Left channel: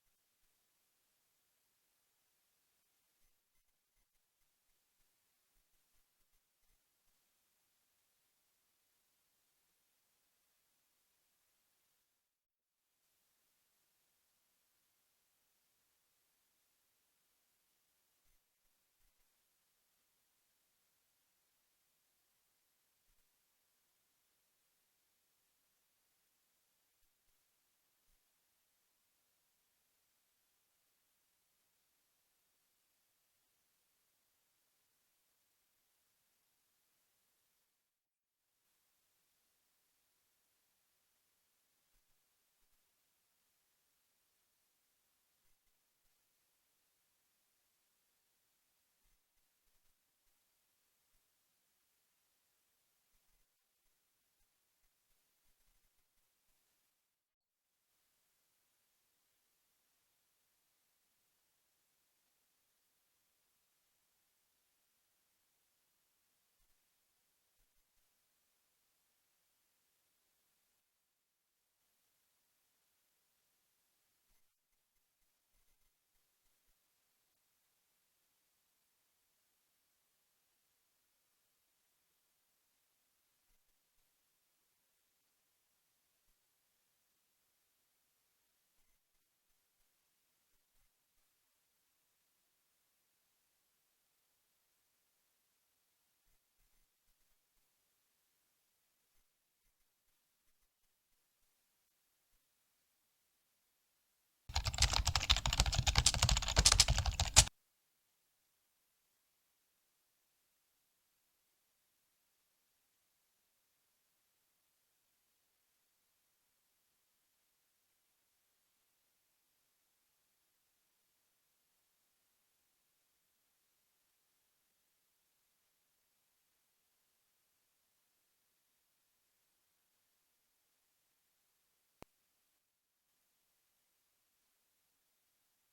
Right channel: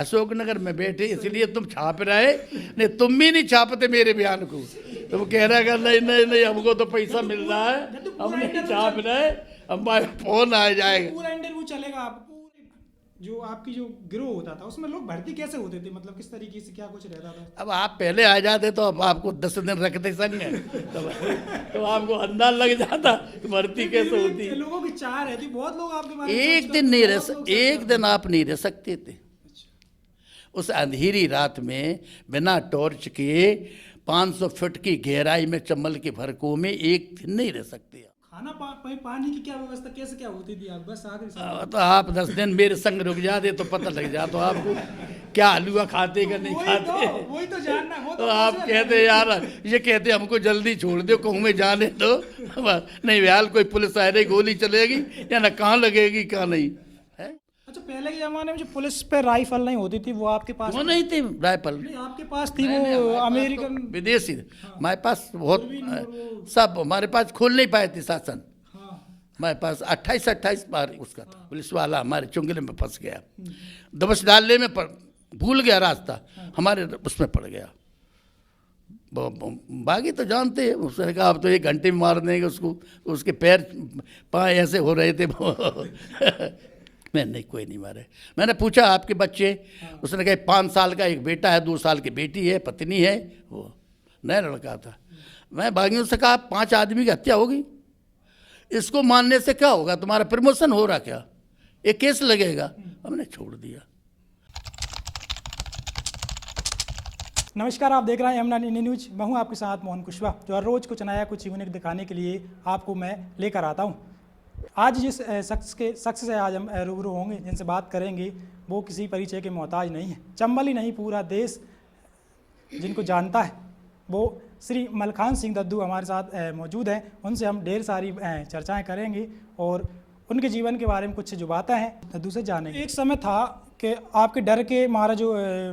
अशोकनगर में बैठे इसलिए तुम छाप रहे, नहीं तुम भी नहीं छापते मेरे बयान को। तुम कह रहे अगर नहीं नहीं नहीं हमको तो पैसा मिल रहा है, हम नहीं छाप रहे, हमारे फोन आ जाएगा। पूरा इंटरव्यू चलेगा। आप जो आपकी जो गिरोह होता था उसमें लोग भर्ती कैसे होते थे, मतलब किस तरीके से क्या कुछ रहता था? अब आप पहले आ जाते तो अब आपको 10 दिन रखते संग में, तो आपको अंदाज लग जाता कि भर्ती कैसे होती। लोगों की चाह रहती, बहुत लोग आपके बारे में एक सोचते दिन थे, नहीं बहुत लोग एक सोचते दिन आप नहीं रह सकते थे उस अंधेरी रात में, बिना टॉर्च के 500 फुट की गहराई में चंबल के भरकों में एक दिन नहीं रह सकते। खाना पानी की क्या व्यवस्था, कैसे क्या होती थी? आप बस आखिरी सवाल। तो आप 10 दिन मेरे संग रुक जाते तो पता लग जाता तो आपको क्या हलवा खाते का नहीं खाते। वही तो जानना, वो तो आप कहते यार, ये कहते हमको जल्दी छोड़ दो, कहूँ में जाने दो, नहीं यार कोई पुलिस आ रही गोली चलेगी या ना कहाँ लगेगी कहाँ नहीं है। अच्छा, पहले के जमाने में जो पुलिस पे राइफल नहीं होती थी वो आपके पास? वो नहीं थी राइफल, नहीं, आपके पास थी वो अमेरिकन विदेशी। हमारे पास बहुत सब, हमारे पास खोल नहीं पाए थे शासन। हमारे पास 28 बार उसका था। पुलिस वाला हमारे चुंगले में फंस गया, दबस डालने में भूल गया रास्ता, हमारे उसमें पड़ गया। बाकी तो जानते हैं, उसने कहा अब तो 1 घंटे में मार देंगे उसको, उसके पैर पाँव ऐसे हो रहे थे। मैं नहीं, कोई नहीं मारे। मैंने पूछा आपके बच्चे? उसने कहा 5 साल का एक बेटा है, 2 साल की बेटी है, पत्नी है, वो नया लड़का था। मैं बागियों से कहा 5 आदमी की हत्या होगी, इसको मानने से क्या होगा, तुम्हारा प्रमोशन हो रहा क्या, एक केस लगेगा। हमने छोड़ दिया। नमस्कार, आप देख रहे हैं यमुना न्यूज। मैं हूं आपके साथ मोहन कुशवाहा, जो हर रोज़ कुछ नया कुछ यूनिक दिखाने के लिए आपको मैं लेकर आता हूं। आज जिस शख्स से आज हम रूबरू होंगे, जिनसे बात करेंगे, वो किसी परिचय के मोहताज नहीं है। चंबल ही नहीं, पूरा देश जिनको जानता है, वो श्री मलखान सिंह दद्दू हमारे साथ मौजूद हैं। उनसे हम ढेर सारी चर्चाएं करेंगे और उनके जीवन के बारे में कुछ जो बातें हैं दद्दू से जानेंगे। एक समय था कि आपके डर के मारा जो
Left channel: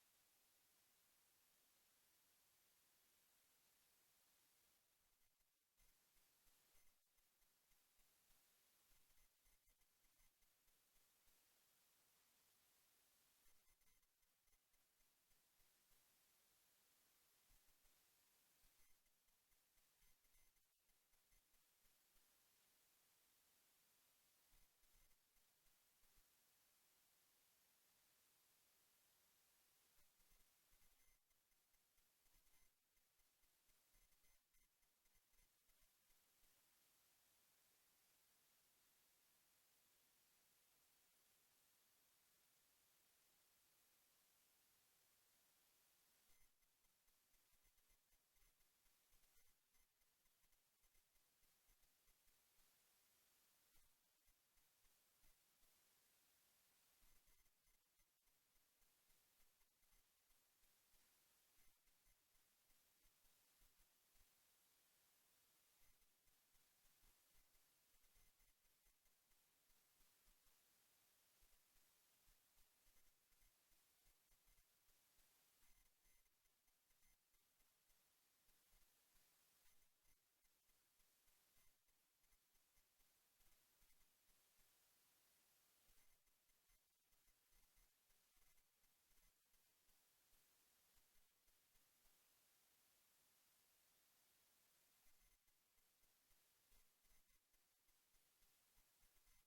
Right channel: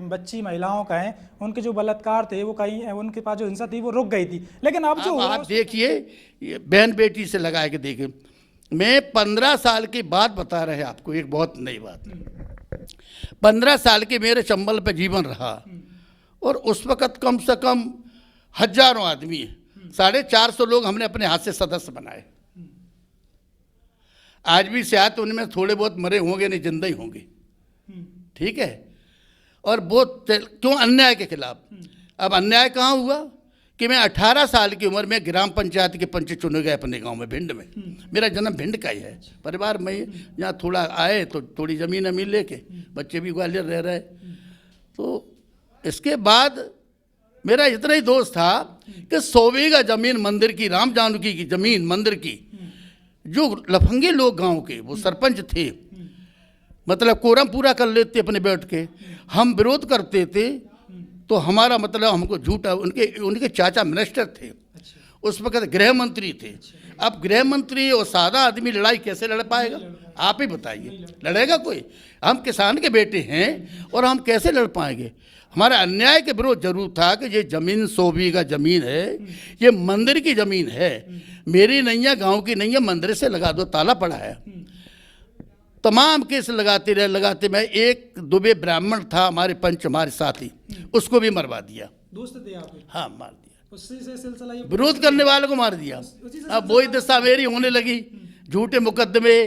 बच्ची महिलाओं का है, उनके जो बलात्कार थे वो कहीं, उनके पास जो हिंसा थी वो रुक गई थी, लेकिन अब जो आप देखिए, बहन बेटी से लगा के देखिए, मैं 15 साल की बात बता रहे हैं आपको, एक बहुत नई बात। 15 साल के मेरे चंबल पे जीवन रहा, और उस वक़्त कम से कम हजारों आदमी, 450 लोग हमने अपने हाथ से सदस्य बनाए। आज भी शायद उनमें थोड़े बहुत मरे होंगे, नहीं जिंदा ही होंगे, ठीक है। और वो क्यों? अन्याय के खिलाफ। अब अन्याय कहाँ हुआ कि मैं 18 साल की उम्र में ग्राम पंचायत के पंच चुने गए अपने गांव में, भिंड में। मेरा जन्म भिंड का ही है, परिवार में यहाँ थोड़ा आए तो थोड़ी ज़मीन अमीन लेके, बच्चे भी ग्वालियर रह रहे। तो इसके बाद मेरा इतना ही दोस्त था कि 100 बीघा जमीन मंदिर की, राम जानकी की जमीन मंदिर की, जो लफंगे लोग गांव के, वो सरपंच थे, मतलब कोरम पूरा कर लेते अपने बैठ के, हम विरोध करते थे तो हमारा मतलब हमको झूठा। उनके चाचा मिनिस्टर थे, उस वक्त गृह मंत्री थे। अब गृह मंत्री और सादा आदमी लड़ाई कैसे लड़ पाएगा, आप ही बताइए, लड़ेगा कोई? हम किसान के बेटे हैं और हम कैसे लड़ पाएंगे? हमारा अन्याय के विरोध जरूर था कि ये जमीन 100 बीघा जमीन है, ये मंदिर की जमीन है, मेरी नहीं है, गाँव की नहीं है, मंदिर से लगा दो, ताला पड़ा है। तमाम केस लगाते रहे, लगाते। मैं एक दुबे ब्राह्मण था हमारे पंच, हमारे साथी, उसको भी मरवा दिया। दोस्त थे आपके? हाँ, मार दिया। उससे से सिलसिला ये विरोध करने वाले को मार दिया। अब वही दशा मेरी होने लगी, झूठे मुकदमे।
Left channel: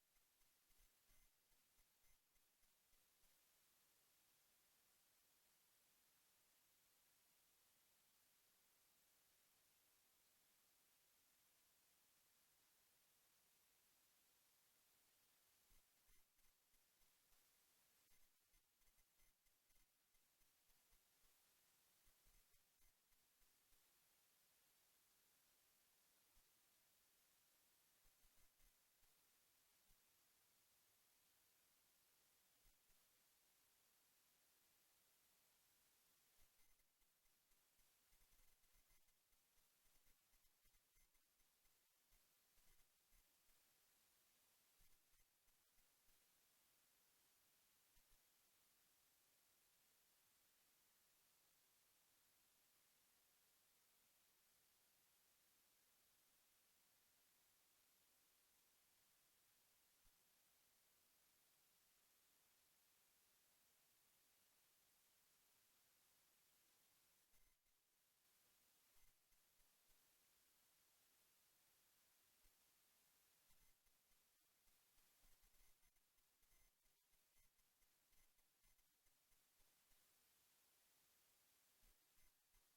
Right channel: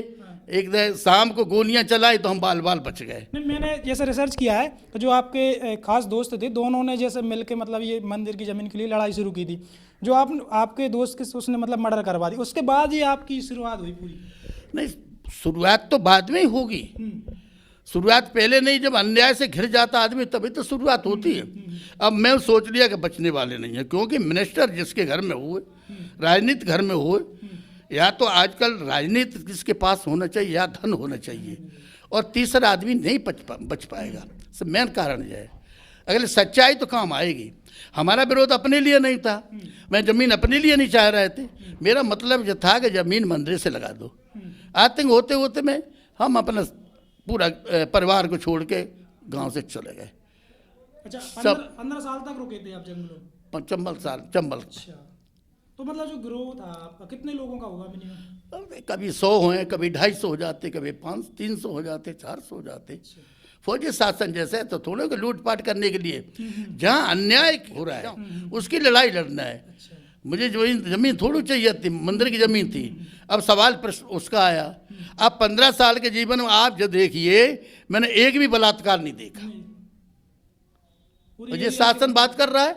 एक शाम को गोलियां चलाई तो हम बाल बाल बच गए। नहीं, मैंने जैसे रिसर्च किया है तो जो आपके खास दोस्त थे, दोनों ने जैसे मिलके मतलब ये मंदिर की ज़मीन के लिए लड़ाई शुरू की थी। जो आपके दोस्त के उसने मतलब मर्डर करवा दी, उसके बाद ही आपकी शुरुआत हुई पूरी? नहीं, शुरुआत तो बाद में ही होगी, शुरुआत पहले नहीं। जब अन्याय से घिर जाता आदमी तभी तो शुरुआत होती है। अब मैं सोच लिया कि बचने वाले नहीं है, क्योंकि मिनिस्टर जिसके घर में हुए, राजनीति घर में हुए, या तो आजकल राजनीति किसके पास होना चाहिए, या धन होना चाहिए, और तीसरा आदमी नहीं बच पाएगा। सब मेन कारण यह है। अगर सच्चाई तो काम आएगी। हमारा विरोध अपने लिए नहीं था, मैं ज़मीन अपने लिए नहीं चाह रहे थे, मेरा मतलब यह था कि ज़मीन मंदिर से लगा दो। आतंक होते होते में हम अपना पूरा परिवार को छोड़ के गांव से चले गए। अच्छा, 15 साल तक रुके थे आप जंगलों? चंबल। अच्छा, तो मतलब जो ग्रोथ था आपका कितने लोगों का होगा मिनिमम? कभी 100 हुए, कभी 250 हो जाते, कभी 300 हो जाते, 400 हो जाते। फौजी शासन जैसे है तो थोड़े को लूटपाट करने के लिए, जहाँ अन्याय हो रहा है उसकी लड़ाई लड़ना है। मुझे जो जमीन थोड़ी चाहिए थी, मंदिर की जमीन थी। अब सवाल प्रश्न उसका आया। अब 15 साल के जीवन में आप जो देखिए, मैंने एक भी बलात्कार नहीं देखा। और ये शासन बात कर रहा है,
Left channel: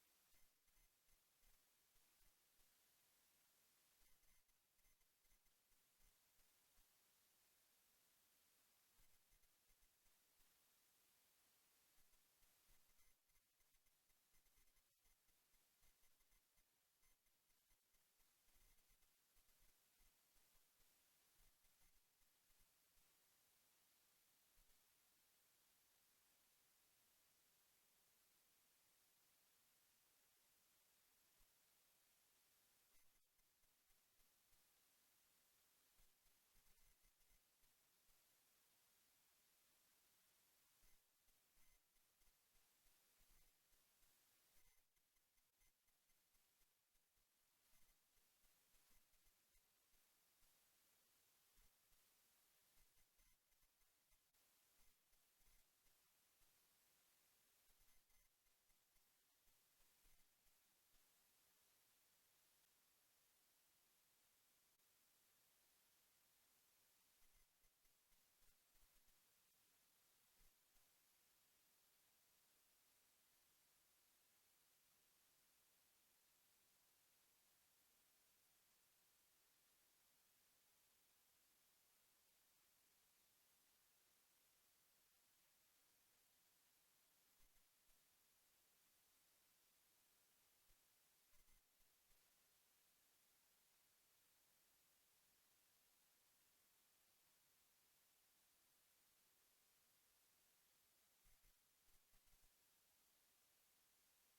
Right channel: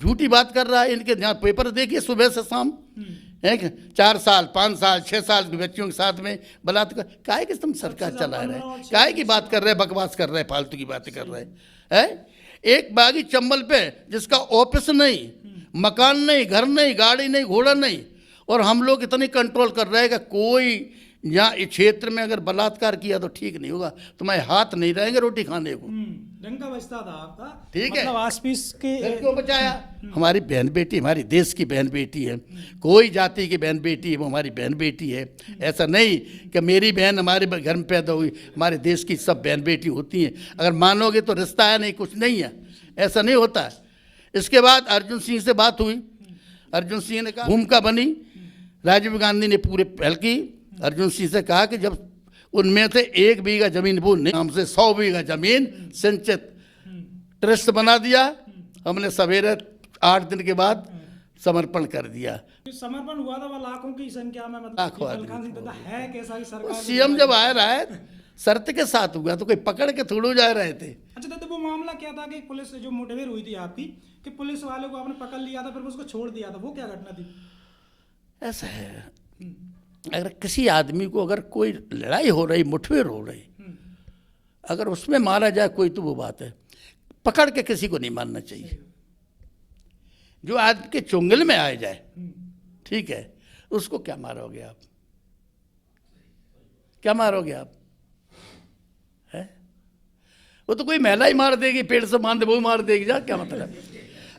झूठी बात कर रहा है। इनके यहाँ पेपर देखिए सुबह से शाम, है 4 साल 5 साल 6 साल के बच्चियों के साथ में बलात्कार। काहे कि तुम सरकार चला रहे हैं, काहे की बात कर रहे हैं, बकवास कर रहे हैं, फालतू की बातें कर रहे हैं। एक बागी चंबल पे जिसका ऑफिस नहीं, मकान नहीं, घर नहीं, गाड़ी नहीं, घोड़ा नहीं, और हम लोग इतनी कंट्रोल कर रहे हैं कि कोई यहाँ इस क्षेत्र में अगर बलात्कार किया तो ठीक नहीं होगा, तुम्हारे हाथ नहीं रहेंगे रोटी खाने को। डंका बजता था आपका, ठीक है। मतलब आसपास के क्यों बचाया? हमारी बहन बेटी, हमारी देश की बहन बेटी है, कोई जाति की बहन बेटी है, वो हमारी बहन बेटी है। ऐसा नहीं कि मेरी बहन हमारे घर में पैदा हुई, हमारे देश की सब बहन बेटी होती हैं। अगर मानोगे तो रिश्ता है, नहीं कुछ नहीं है, ऐसा नहीं होता है। इसके बाद अर्जुन सिंह से बात हुई, अर्जुन सिंह ने कहा भूमिका बनी, राजीव गांधी ने पूरे पहल की। अर्जुन सिंह से कहा कि जब उनमें से 1 बीघा जमीन वो नाम से 100 बीघा जमीन संचित ट्रस्ट बना दिया। हमने सवेरे 8 दिन के बाद समर्पण कर दिया। समर्पण हुआ था वह लाखों की संख्या में, मतलब लाखों है कैसा ही सरकार। सीएम जब आ रहा है शर्त के साथ हुआ, तो कोई पकड़ के थोड़ो जा रहे थे। अच्छा दादा, वो मामला क्या था कि पुलिस से जो मुठभेड़ हुई थी आपकी, कि पुलिस वाले को आपने पकड़ लिया था फिर उसको छोड़ दिया था, वो क्या घटना थी? ऐसा है, अगर किसी आदमी को अगर कोई लड़ाई हो रही, मुठभेड़ हो रही, अगर उसमें मारा जाए कोई, तो वो बात है। पकड़ के किसी को नहीं मारना चाहिए। जो आदमी के चुंगल में आ जाए, ठीक है, उसको क्या मारोगे आप? क्या मारोगे आप? है वो तो कोई महिला ही मार देगी, पेड़ से बांध वो मार देगी, जा क्या मतलब?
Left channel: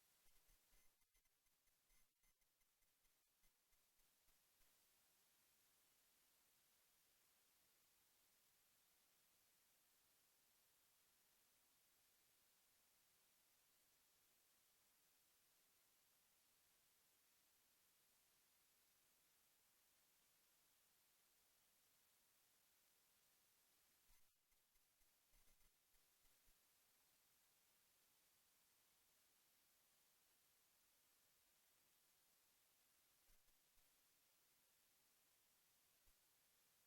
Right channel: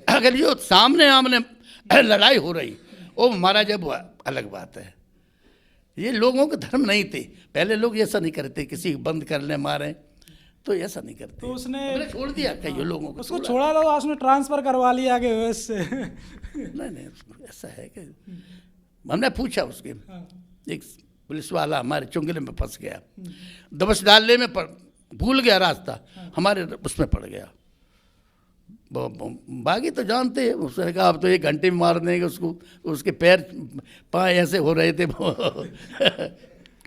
अगर जो सामने आमने लड़ाई हो रही वो मारा जाए, वो अलग बात है। ये लोगों के धर्म नहीं थे। पहले लोग ऐसा नहीं करते, किसी को बंद कर ले मारे, तो ऐसा नहीं करते। तो उसने छोड़ दिया कई लोगों को, उसको छोड़ा तो उसने ट्रांसफर करवा लिया आगे उससे। नहीं ऐसा है कि हमने पूछा उसके, एक पुलिस वाला हमारे चुंगले में फंस गया, दबस डालने में भूल गया रास्ता, हमारे उसमें पड़ गया। बागी तो जानते हैं, उसने कहा अब तो 1 घंटे में मार देंगे उसको, उसके पैर पाँव ऐसे हो रहे थे।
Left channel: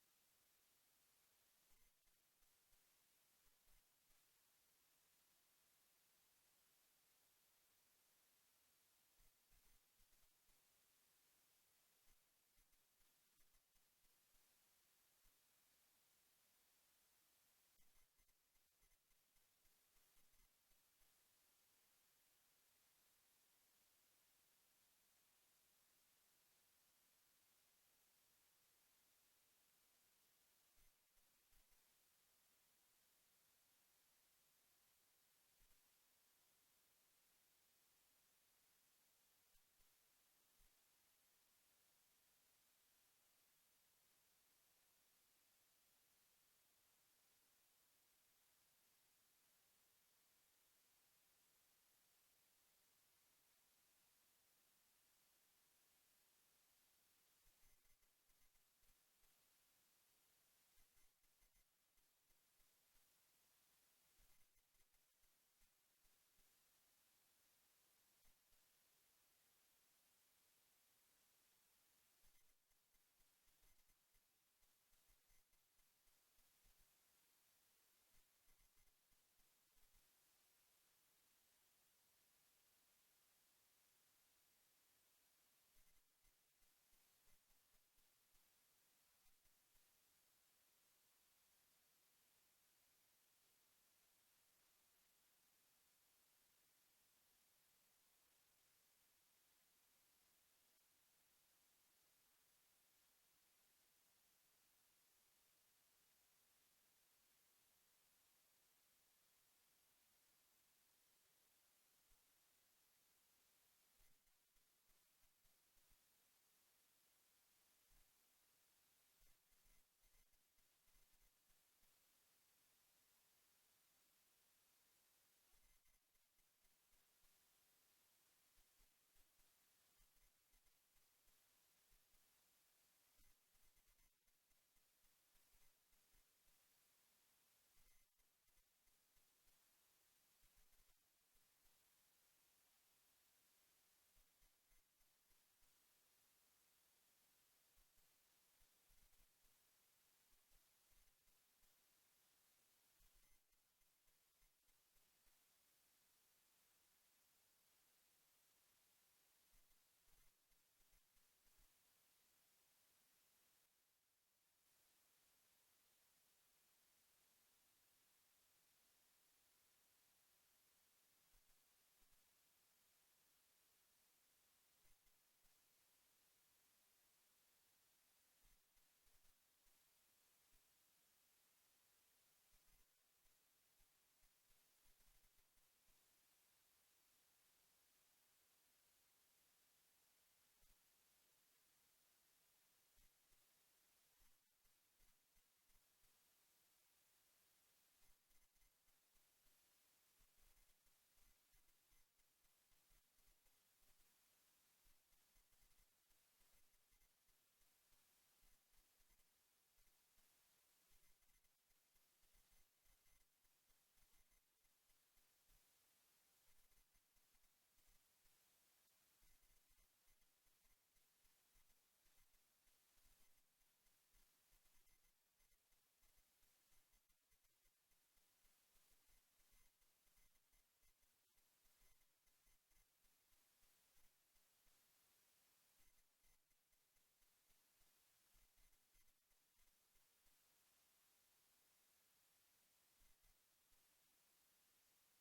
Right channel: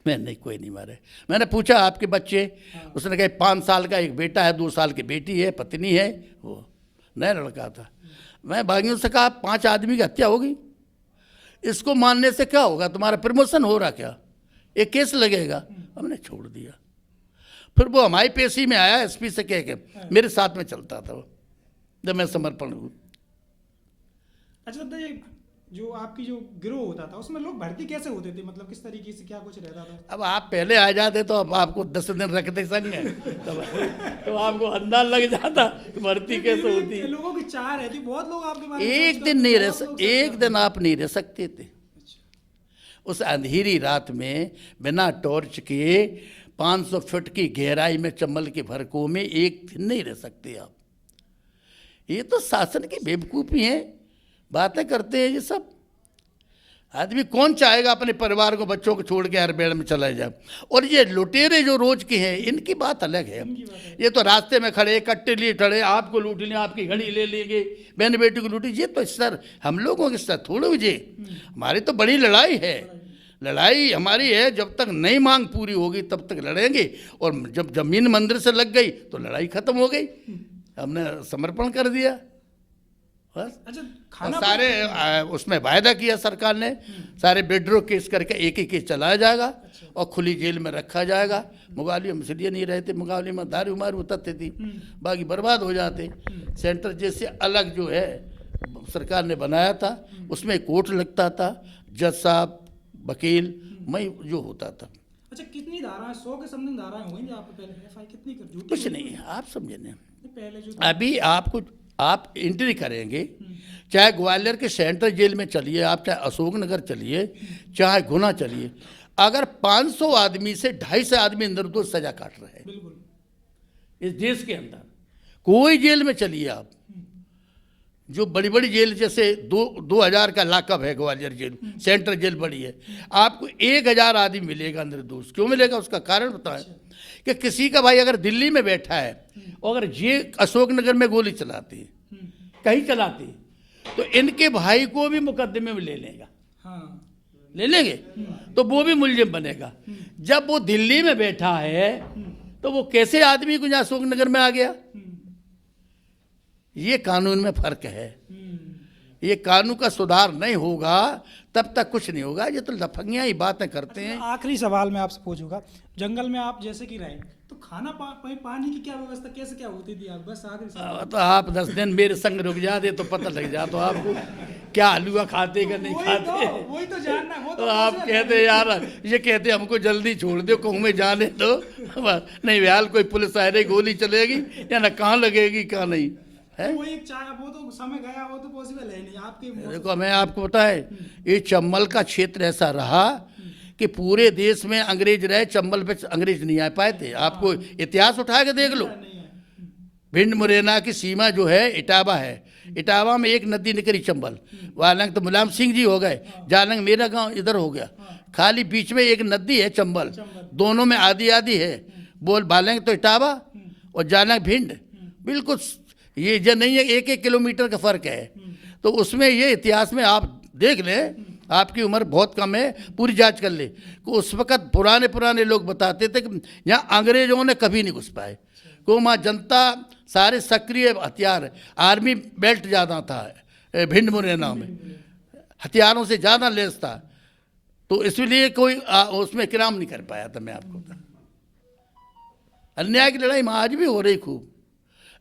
मैं नहीं, कोई नहीं मारे। मैंने पूछा आपके बच्चे? उसने कहा 5 साल का एक बेटा है, 2 साल की बेटी है, पत्नी है, वो नया लड़का था। मैं बागियों से कहा 5 आदमी की हत्या होगी, इसको मानने से क्या होगा? तुम्हारा प्रमोशन हो रहा क्या? एक केस लगेगा। हमने छोड़ दिया। फिर वो हमारी पेशी में आया, एसपी से कह के, मेरे साथ में चलता था वो, जब मैं समर्पण हुआ। अच्छा दादा, ये जो आपकी जो गिरोह होता था उसमें लोग भर्ती कैसे होते थे, मतलब किस तरीके से क्या कुछ रहता था? अब आप पहले आ जाते तो अब आपको 10 दिन रखते संग है, तो आपको अंदाज लग जाता भर्ती कैसे होती है। लोगों की चाह रहती, बहुत लोग आपके बारे में एक दिन नहीं रह, एक दिन आप नहीं रह सकते थे उस अंधेरी रात में, बिना टॉर्च के 500 फीट की गहराई में चंबल के भरकों में एक दिन नहीं रह सकते आप। ये तो शासन की बेवकूफ़ी है, बातें करते हैं ये सब। आदमी कौन चाहेगा अपने परिवार को, बच्चों को छोड़ के हरबेड़ में चला जाए? और ये लुटेरे जो रोज के हैं, इनकी बात अलग है। ये तो रास्ते में खड़े, कट्टे लिए खड़े, आपको लूट लें, आपकी घड़ी ले लेंगे, बहन बेटी को लूटी। ये तो सर हम लोगों के सर थोड़े हुए, हमारी तो बड़ी लड़ाई है। लड़ाई हमारी है, जब तक नई मांग पूरी होगी तब तक लड़ेंगे, और जब जमीन मंदिर से लग गई तो लड़ाई खत्म हो गई। हमने समर्पण कर दिया बस। अच्छा, और सारे उसमें वायदा किया सरकार ने, सारे बेड्रो केस करके एक ही केस चलाया जाएगा और खुली जेल में रखा जाएगा। मुगावली में इसलिए नहीं रहते, मुगावली में दारू मारू उतरते थी, बाकी बर्बाद हो जाते। सेंटर जैसे अलग जो है सरकार ने बनाया था, उसमें कोर्ट लगता था, जज साहब, वकील, मैं जो होता था। अच्छा, कितनी धाराएं? 100 के समथिंग धाराएं होंगी आप पहले एफआई कितनी कर? कुछ नहीं, आप समझे नहीं। पहले जो अभी आपको आप एंट्री करेंगे, चाहे ग्वालियर के सेंट्रल जेल में चलिए आप, चाहे अशोकनगर चलिए, चाहे गुना चलिए, अगर 500 आदमी से 250 आदमी निर्दोष सजा काट रहे हैं बिल्कुल इस देश के अंदर। कोई जेल में चलिए आप, जो बड़ी बड़ी जेल जैसे 2000 का लाकअप है ग्वालियर जेल, सेंट्रल जेल बड़ी है, आपको 1000 आदमी मिलेगा निर्दोष। क्यों मिलेगा? उसका कारण बताएं। कि किसी का भाई अगर दिल्ली में बैठा है और अगर ये अशोकनगर में गोली चलाती है, कहीं चलाती, तो इनके भाई को भी मुकदमे में ले लेगा, ले लेंगे, तो वो भी मुलजिम बनेगा। जब वो दिल्ली में बैठा है तो वो कैसे आदमी को यहाँ अशोकनगर में आ गया? ये कानून में फर्क है। ये कानून का सुधार नहीं होगा तब तक कुछ नहीं होगा। ये तो लफंगियां ही बातें करते हैं। आखिरी सवाल मैं आपसे पूछूंगा, जंगल में आप जैसे कि रहे तो खाना पानी की क्या व्यवस्था, कैसे क्या होती थी? आप बस आखिरी सवाल। तो आप 10 दिन मेरे संग रुक जाते तो पता लग जाता तो आपको क्या हलवा खाते का नहीं खाते। वही तो जानना, वो तो आप कहते यार, ये कहते हमको जल्दी छोड़ दो, कहूँ में जाने दो, नहीं यार कोई पुलिस आ रही गोली चलेगी या ना कहाँ लगेगी कहाँ नहीं है। वो एक वो तो समय गया, वो तो पॉसिबल है नहीं आपके। देखो मैं आपको बताए, ये चंबल का क्षेत्र ऐसा रहा कि पूरे देश में अंग्रेज रहे, चंबल पे अंग्रेज नहीं आ पाए थे। आपको इतिहास उठा के देख लो। भिंड मुरैना की सीमा जो है इटावा है, इटावा में एक नदी निकली चंबल, वालंग तो मुलायम सिंह जी हो गए, जालंग मेरा गांव इधर हो गया, खाली बीच में एक नदी है चंबल, दोनों में आधी आधी है। बोल बालंग तो इटावा और जालंग भिंड, बिल्कुल ये जो नहीं है, 1-1 किलोमीटर का फर्क है। तो उसमें ये इतिहास में आप देख लें, आपकी उम्र बहुत कम है, पूरी जांच कर ले कि उस वक़्त पुराने लोग बताते थे कि यहाँ अंग्रेजों ने कभी नहीं घुस पाए, को वहाँ जनता सारे सक्रिय हथियार, आर्मी बेल्ट ज़्यादा था भिंड मुरैना में, हथियारों से ज़्यादा लेस था, तो इसलिए कोई उसमें किराम नहीं कर पाया था। मैं आपको बता, अन्याय की लड़ाई में आज भी हो रही खूब।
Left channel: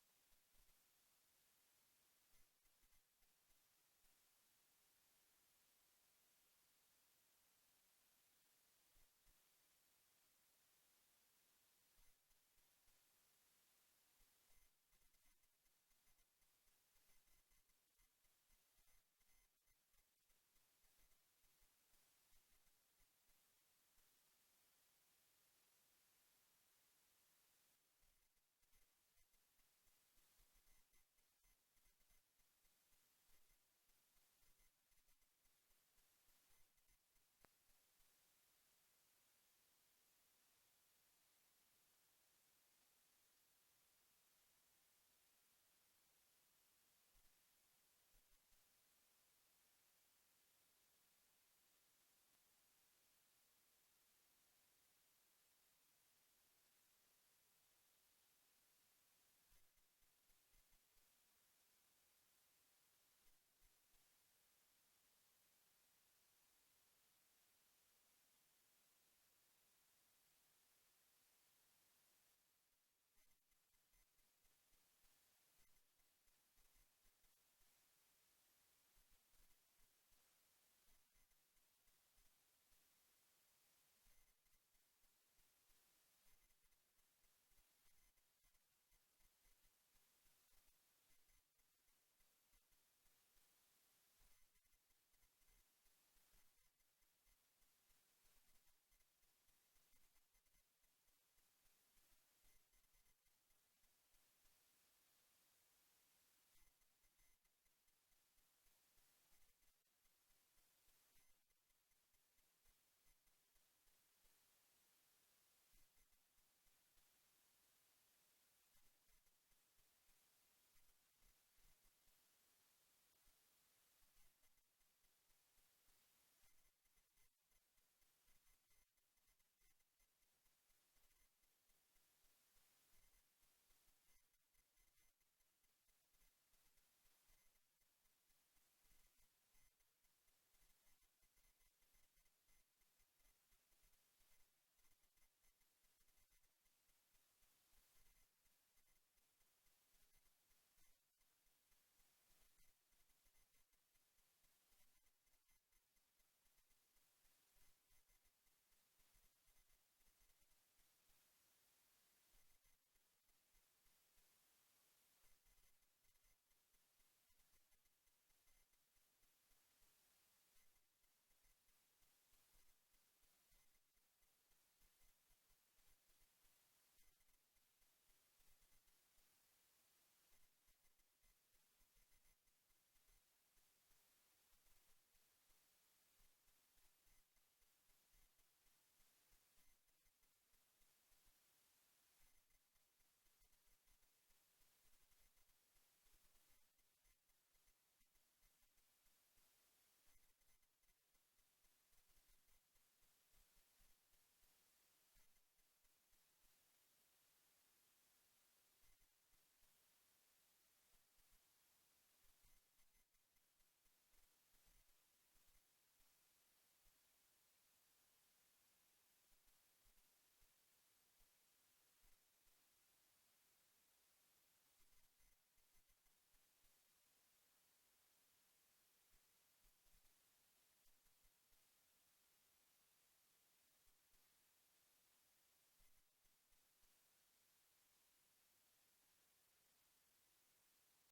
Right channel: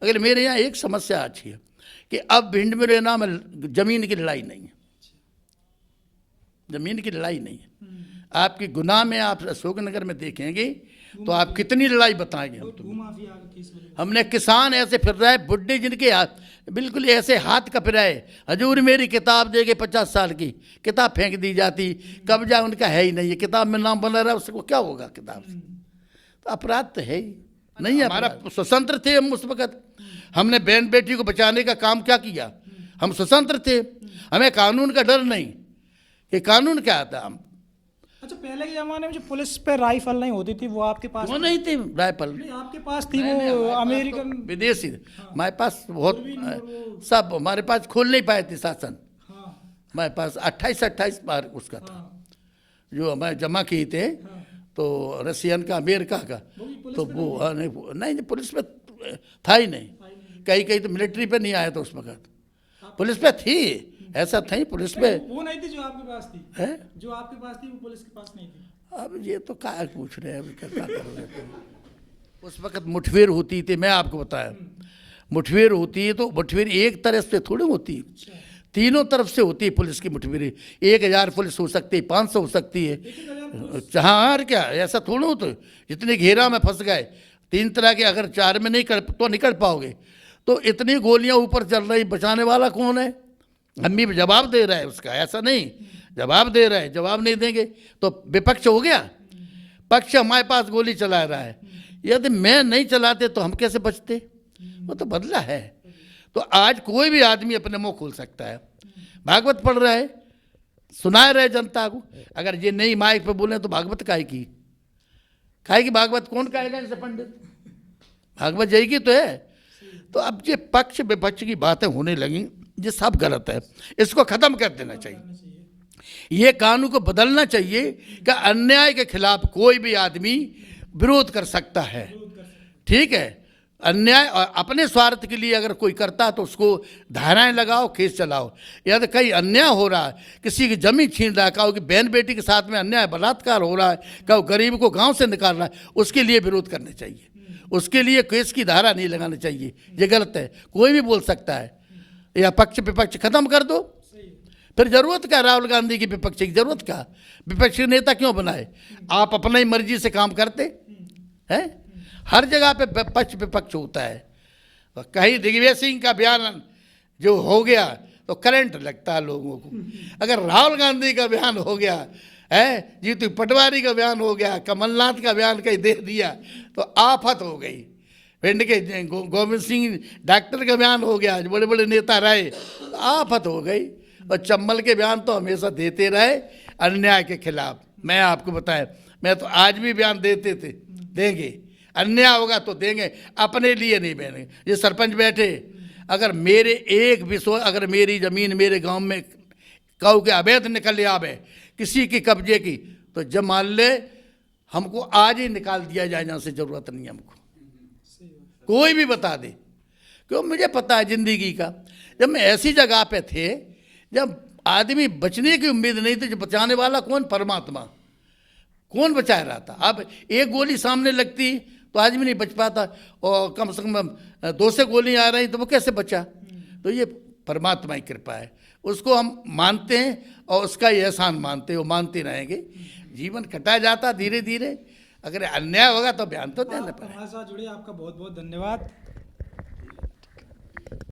अगर मेरे यहाँ एक समस्या अच्छी है कि अब भिंड मुरैना में जमीन की लड़ाई नहीं है, जमीन की लड़ाई नहीं है। आपकी गुनाह में आप अशोकनगर में देखेंगे तो आप कितनी लड़ाई बताएंगे हम। हमने किसान ऐसे फिर रहे बुढ़े जिनके हाथ बिल्कुल ऐसे हाथ कप रहे, हजूर मेरी किताब देके 50 साल की किताब फेंक दी जाती, कब्जा उनका है ही नहीं है, किताब में नाम बना रहा है, उसको क्या होगा किताब से? तो अपराध तो है ही नहीं है। हमारा स्वतंत्र थे हम उस वक़्त, हमने बहन बेटी को बचाने का काम क्या किया? हम स्वतंत्र थे, हमें कानून का डर नहीं। ये कानून क्या आता हम। अच्छा, पहले के जमाने में जो पुलिस पे राइफल नहीं होती थी वो आपके पास? वो नहीं थी राइफल, नहीं आपके पास थी, वो अमेरिकन तो विदेशी हमारे पास बहुत सब, हमारे पास खोल नहीं पाए थे शासन। हमारे पास 28 बार उसका था जो हमारे जमा किए थे, तो रशियन का, अमेरिका का, तो वो नहीं पुलिस पे था ही नहीं। कहीं तो मिलिट्री पे नहीं आया था उस वक्त, पुलिस पे थी, ऐसा था ही पुलिस पे। वो नहीं थी जो आपके पास थी है? जो आपके पास थी वो पुलिस के पास नहीं थी। अब ये तो क्या पूछ रहे हैं, क्या करोगे? उस वक्त मुठभेड़ होती थी, मैं आपको बताया, मुठभेड़ होती है तो मुठभेड़ एक तरफ से थोड़ी होती है, तीनों तरफ से होती है पुलिस की मुठभेड़। 1000 पुलिस हो सकती है, 500 हो सकती है, हाँ और क्या, ऐसा थोड़ा हो। तो जितने घेरा में फंस गए, 3 तरह के, अगर 4 में नहीं कर तो निकल पाओगे, तो इतनी गोलियां ऊपर चल रही, बचाने वाला कौन है? हम भी जवाब दे रहा है उसका, ऐसा नहीं जवाब दे रहा है, जवाब नहीं देंगे तो विपक्ष हो गया, पक्ष हमारे पास गोली चला रहा है। यदि मैं नहीं चलाते तो हम कैसे बचते? वो तो बदला है। तो आज कोई भी आदमी अपने मुंह खोल सकता है, भागवत पढ़ रहा है, सुना रहे जनता को। अगर ये नहीं माइक पे बोले तो भागवत काहे की भागवत कौन कहेगा इनसे? पंडित भागवत जाएगी तो है। तो अब ये पक्ष विपक्ष की बातें होने लगी, ये सब गलत है, इसको खत्म कर देना चाहिए। ये कानून को बदलना चाहिए कि अन्याय के खिलाफ कोई भी आदमी विरोध कर सकता है, ठीक है। अन्याय और अपने स्वार्थ के लिए अगर कोई करता है तो उसको धाराएं लगाओ, केस चलाओ। यदि कहीं अन्याय हो रहा है, किसी की जमीन छीन रहा है, कहो कि बहन बेटी के साथ में अन्याय बलात्कार हो रहा है, कहो गरीब को गांव से निकाल रहा है, उसके लिए विरोध करना चाहिए, उसके लिए केस की धारा नहीं लगानी चाहिए। ये गलत है, कोई भी बोल सकता है। या पक्ष विपक्ष खत्म कर दो, फिर जरूरत क्या राहुल गांधी की विपक्ष की? जरूरत क्या? विपक्ष के नेता क्यों बनाए? आप अपना ही मर्जी से काम करते हैं। हर जगह पे पक्ष विपक्ष होता है। तो कहीं दिग्विजय सिंह का बयान जो हो गया तो करंट लगता है लोगों को। अगर राहुल गांधी का बयान हो गया है, जीतू पटवारी का बयान हो गया, कमलनाथ का बयान कहीं दे दिया तो आफत हो गई। भिंड के गोविंद सिंह डॉक्टर का बयान हो गया, बड़े बड़े नेता रहे, तो आफत हो गई। और चंबल के बयान तो हमेशा देते रहे अन्याय के खिलाफ। मैं आपको बताया, मैं तो आज भी बयान देते थे, देंगे, अन्याय होगा तो देंगे, अपने लिए नहीं देंगे। ये सरपंच बैठे, अगर मेरे एक विषय, अगर मेरी ज़मीन मेरे गांव में काऊ के अवैध निकल आवे किसी की कब्जे की, तो जब मान ले हमको आज ही निकाल दिया जाए, जहाँ से ज़रूरत नहीं है हमको, कोई भी बता दे। क्यों, मुझे पता है जिंदगी का, जब मैं ऐसी जगह पे थे जब आदमी बचने की उम्मीद नहीं थी, जो बचाने वाला कौन, परमात्मा, कौन बचा रहा था। अब एक गोली सामने लगती तो आदमी नहीं बच पाता, और कम से कम 2 से गोली आ रही तो वो कैसे बचा। तो ये परमात्मा की कृपा है, उसको हम मानते हैं और उसका ही एहसान मानते हैं, वो मानते रहेंगे। जीवन कटा जाता धीरे धीरे, अगर अन्याय होगा तो बयान तो देना पड़ेगा। हमारे साथ जुड़े, आपका बहुत बहुत धन्यवाद।